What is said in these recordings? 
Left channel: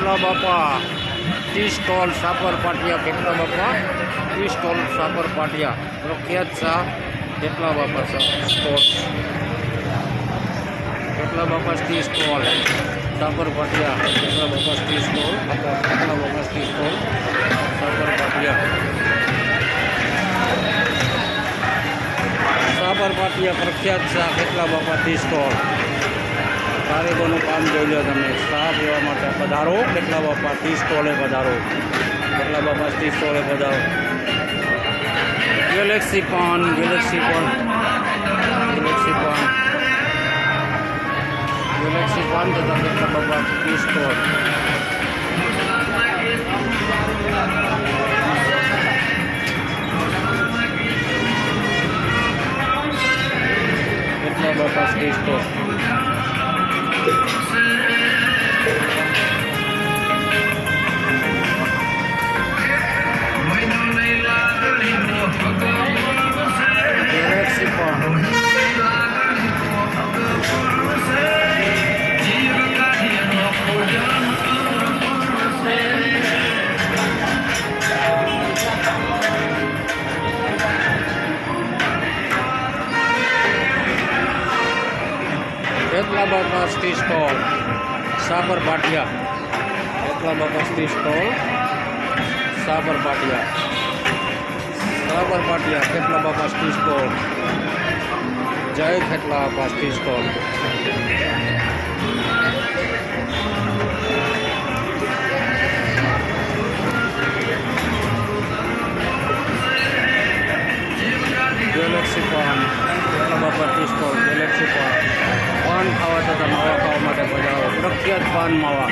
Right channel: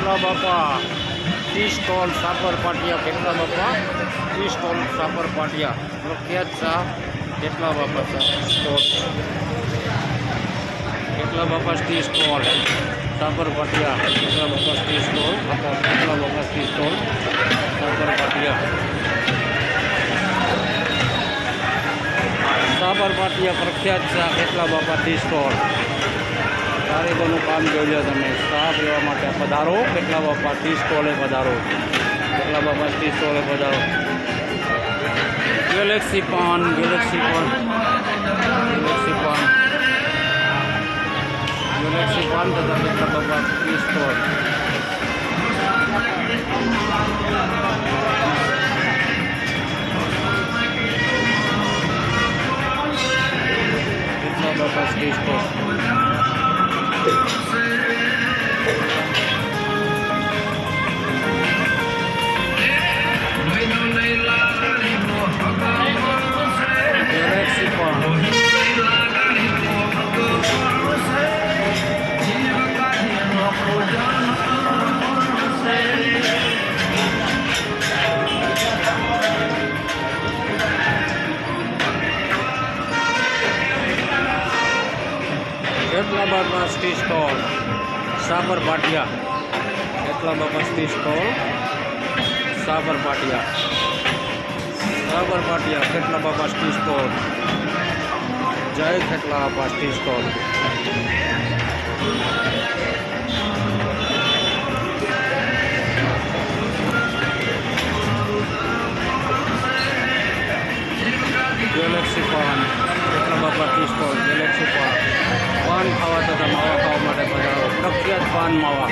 કેટલા બાપા tea stall Sapar પાટિયા. કેટલા બાપા ટી સ્ટોલ સાપર પાટિયા. પ્રખ્યાત શાહ કેટલા બાપા સ્ટોલ. કેટલા બાપા ટી સ્ટોલ સાપર પાટિયા. કેટલા બાપા ટી સ્ટોલ. કેટલા બાપા ટી સ્ટોલ સાપર પાટિયા. સાપર પાટિયા પ્રખ્યાત શાહ કેટલા બાપા ટી સ્ટોલ. કારીગરનું કામ જોઈ લો તમે. ચા પીવા માટે પધારો કેટલા બાપા ટી સ્ટોલે પધારો. કેટલા બાપા ટી સ્ટોલે પધારો. ગેલેક્સી પાન. ગેલેક્સી પાન. ગેલેક્સી પાન. ગેલેક્સી પાન તથા કેટલા બાપા ટી સ્ટોલ. કેટલા બાપા ટી સ્ટોલ. ગેલેક્સી પાન. કેટલા બાપા ટી સ્ટોલ સાપર પાટિયા. કેટલા બાપા ટી સ્ટોલ સાપર પાટિયા. સાપર પાટિયા. કેટલા બાપા ટી સ્ટોલ. જય કેટલા બાપા ટી સ્ટોલ. ગેલેક્સી પાન. કેટલા બાપા ટી સ્ટોલ. ગેલેક્સી પાન. પાન ખાવા તથા માવા ખાવા માટે પધારો. પ્રખ્યાત પાન માવા.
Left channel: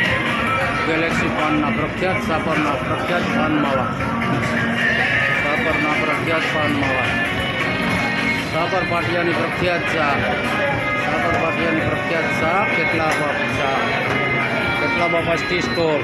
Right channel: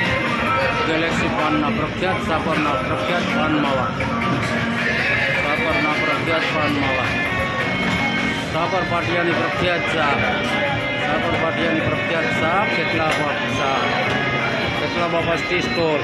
ગેલેક્સી પાનના પ્રખ્યાત સાપરના પ્રખ્યાત પાન માવા. સાપરના પ્રખ્યાત પાન માવા. સાપર પાટિયાની પ્રખ્યાત ચા. સાપર પાટિયાની પ્રખ્યાત ચા કેટલા બાપા ચા. કેટલા બાપા ટી સ્ટોલ.